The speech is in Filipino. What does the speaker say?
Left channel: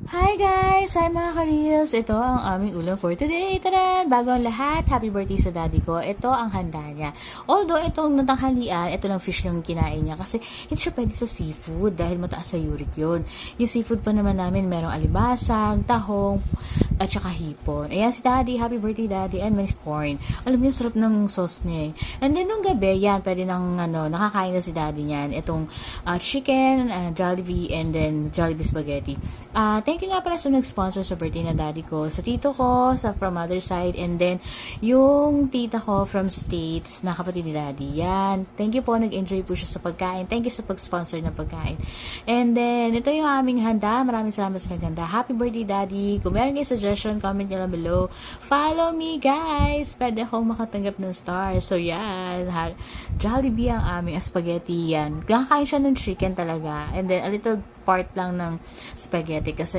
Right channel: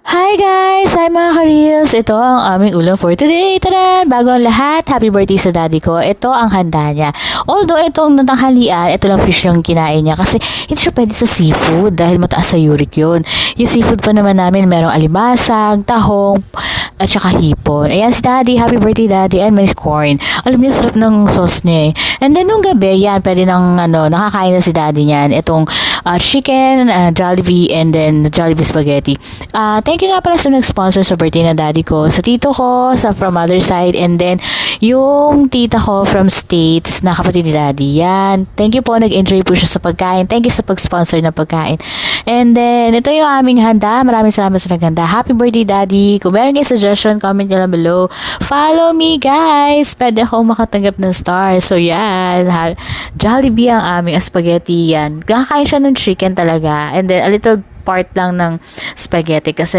Hi guys! Hi mga ka-reels! Ito ang aming ulam for today. Tara! Bago ang lahat, happy birthday sa daddy ko. Ito ang handa niya. Although itong natanghalian, ito lang fish yung kinain niya kasi hindi siya pwede sa seafood dahil mataas sa uric yun. Yung seafood pa naman namin, merong alibasag, tahong, at saka hipon. Ayan si daddy, happy birthday daddy, and may corn. Alam niyo, sarap ng sauce niya eh. And then nung gabi, yan, pwede nang nakakain na si daddy niyan. Itong chicken, Jollibee, and then Jollibee spaghetti. Thank you nga pala sa nag-sponsor sa birthday na daddy ko, sa tito ko, sa from mother side, and then yung tita ko from States na kapatid ni daddy. Yan. Thank you po, nag-enjoy po siya sa pagkain. Thank you sa pag-sponsor ng pagkain. And then, ito yung aming handa. Maraming salamat sa naghanda. Happy birthday daddy. Kung meron kayo suggestion, comment nyo lang below. Follow me guys. Pwede akong makatanggap ng star. So yan. Jollibee ang aming spaghetti yan. Kakain siya ng chicken talaga. And then, a little part lang ng spaghetti kasi